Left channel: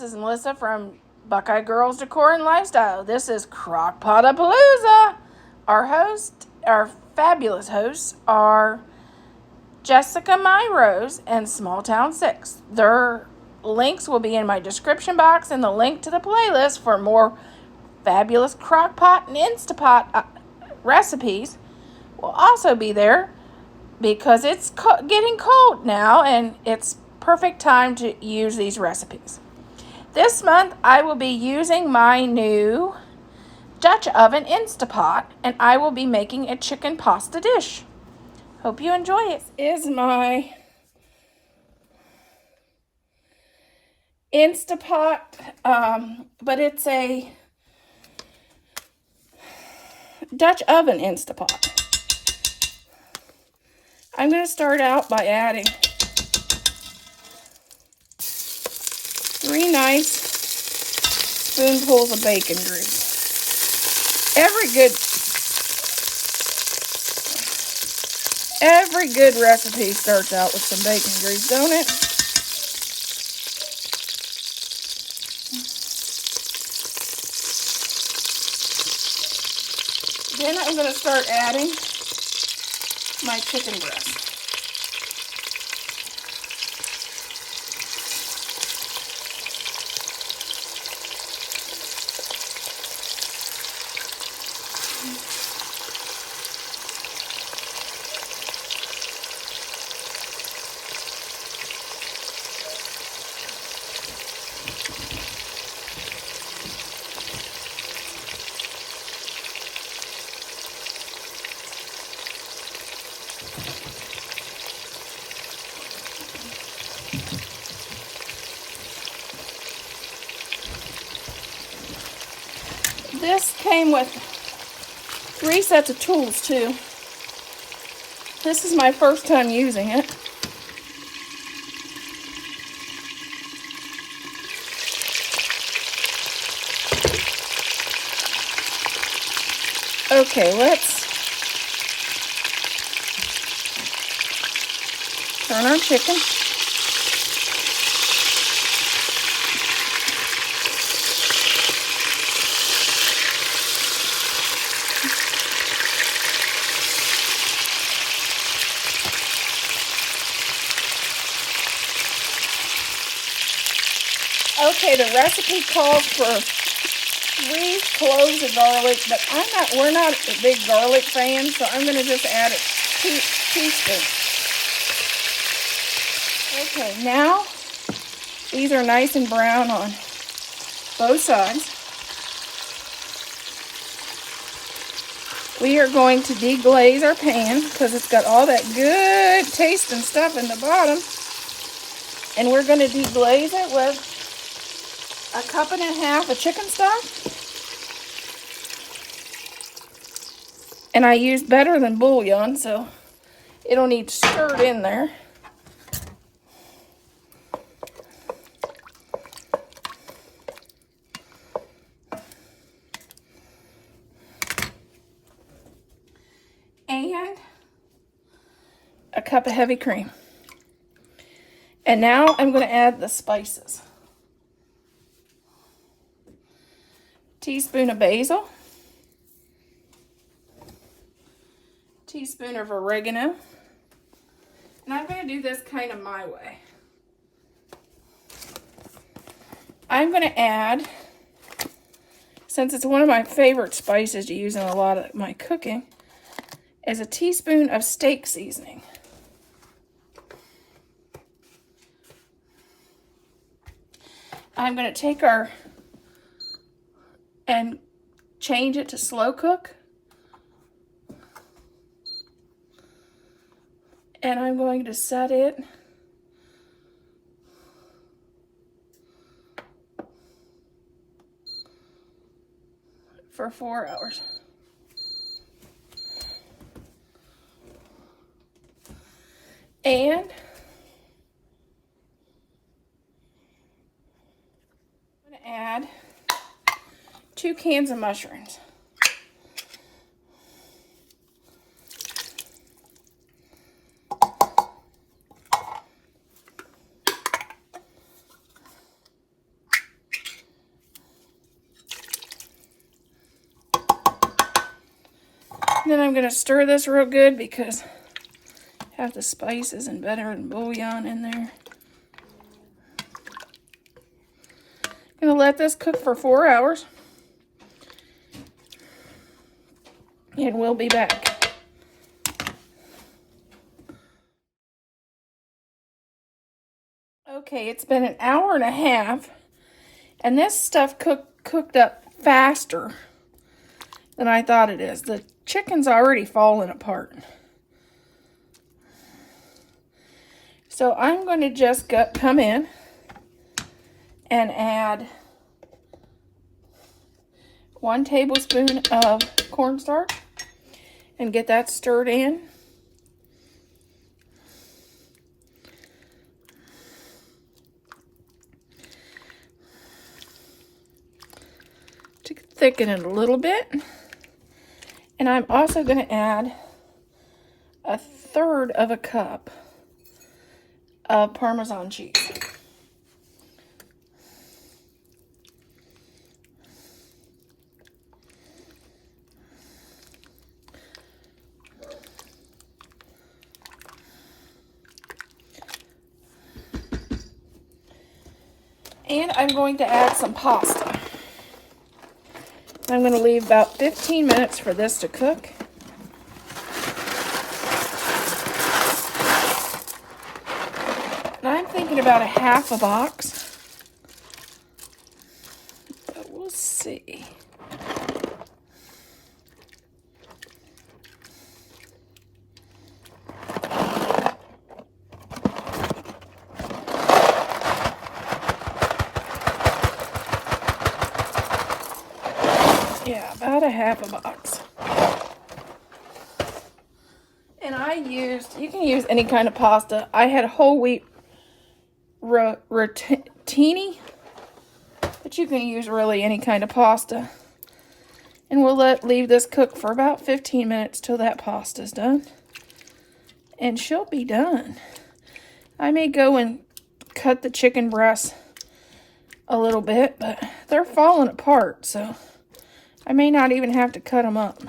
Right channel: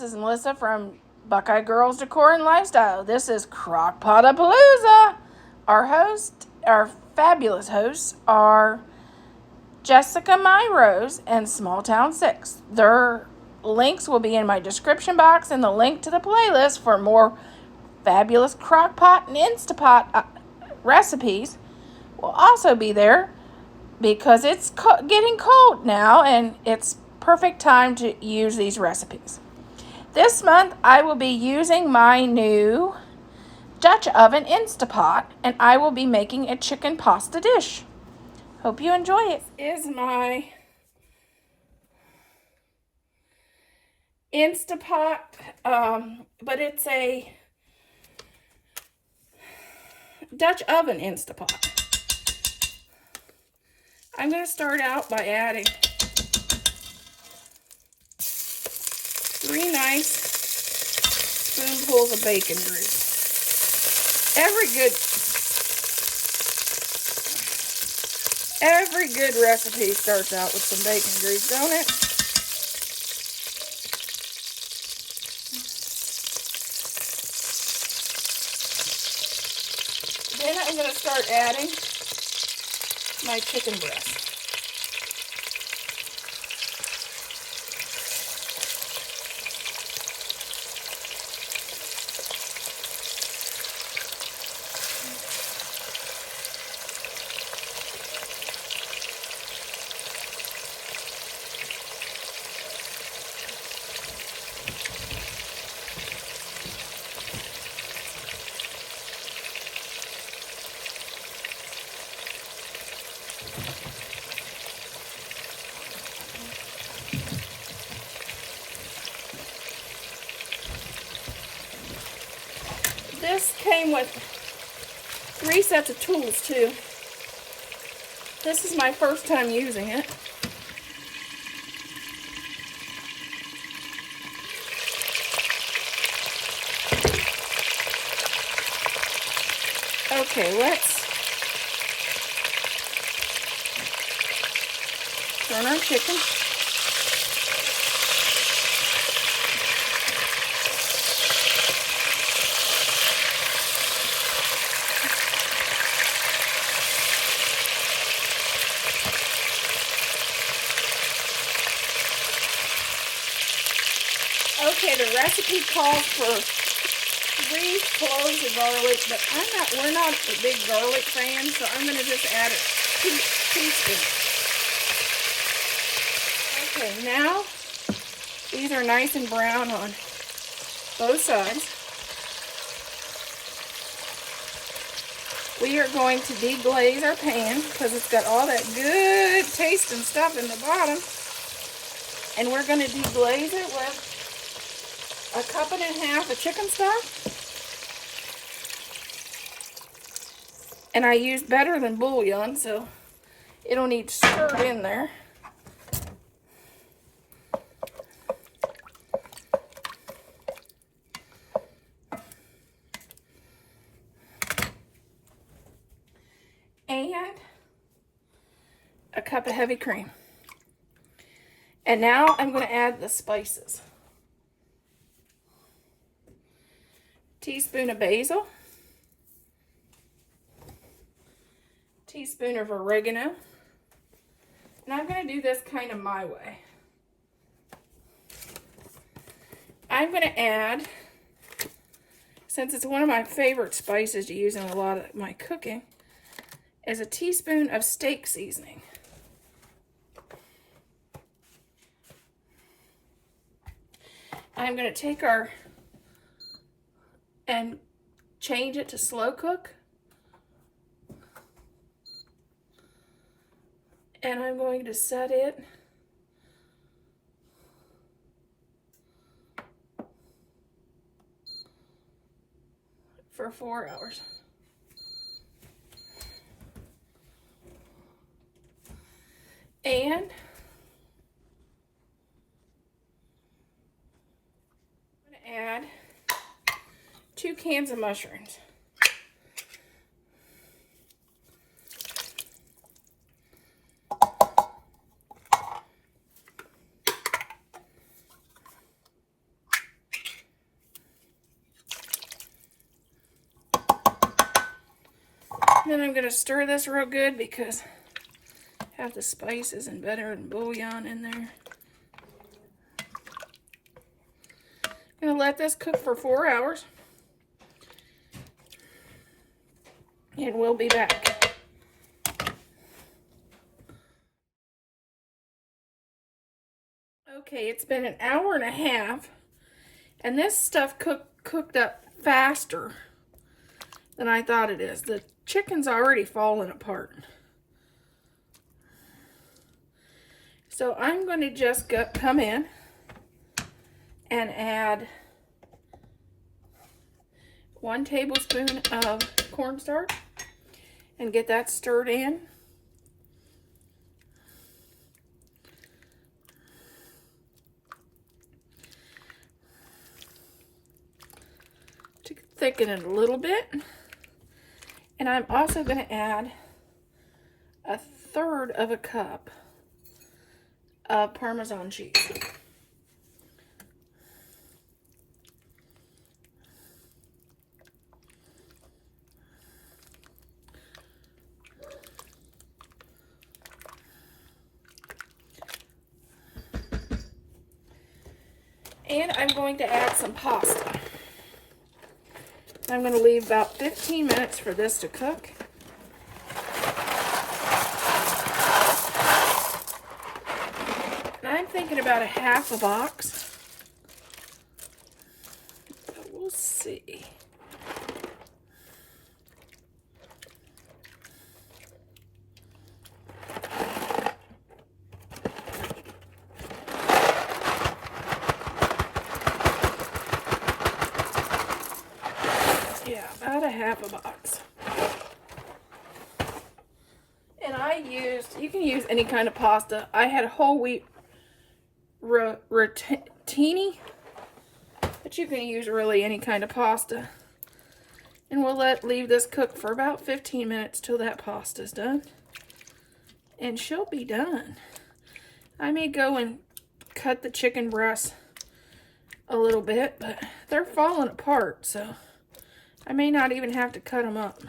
this is Melissa from Buckeye Girls Decor and Lifestyle. This is Crockpotapalooza. Our fabulous hosts are Jessica Rose and Small Town 6. Their links will be in my description box, and the link to the playlist for more fabulous crockpot and Instapot recipes will also be there, because it's getting cold now and it's perfect time to use these recipes. This month I will be using my new Dutch oven Instapot, and I will be making a chicken pasta dish. Hope you enjoy it. This is my Instapot, but it's a Dutch oven Instapot. I'm going to start out by adding 3 nice spoonfuls of bacon grease. Every good recipe starts out with some bacon grease, don't it? Then I'm going to start adding my chicken breast. This came with 3 sets of tools too. This is my first time using it. Okay, let's turn our chicken. Okay, the recipe calls for 3 cloves of garlic, but we're not a big garlic fan, so I'm going to just add 2 teaspoons. Okay, now these are nice and brown on both sides. We are going to deglaze our pan because it's got all that good tasting stuff in the bottom. And we're going to deglaze it with 1.5 cups of chicken stock. And I used better than bouillon, so it'll need stirred in there. And 1 cup of heavy cream. And now I'm going to add the spices. Teaspoon of basil, teaspoon of oregano, and I'm going to do this kind of my way. I'm going to add, since it's one of my favorite spices to use in a lot of my cooking, is a teaspoon of steak seasoning. I'm going to take and change it to slow cook. And I'm going to set it for 4 hours. And I'm going to add 2 cans of mushrooms. And then I'm going to stir this real good because I have the spices and butter and bouillon in there. I'm going to let this cook for 4 hours. And we'll be back. Okay, it's been an hour and a half, and this stuff cooked up faster than I thought it is. The chicken's already falling apart. So I'm going to just come in and add 1 tablespoon of cornstarch and get that stirred in. To thicken it a little bit. And I'm also going to add 1/3 of a cup of Parmesan cheese. And I'm going to add some pasta. I'm going to leave about 15 minutes for this to cook. And I'm thinking about 1/2 box. But we'll see. Yeah, about 1/2 box. And you can use any kind of pasta. I had whole wheat rotini, but you can use really any kind of pasta. And we'll leave this cook for about 15 minutes till that pasta's done. And she'll be done. I may go and cut the chicken breasts a little bit, but they're falling apart, so I may not even have to cut them up.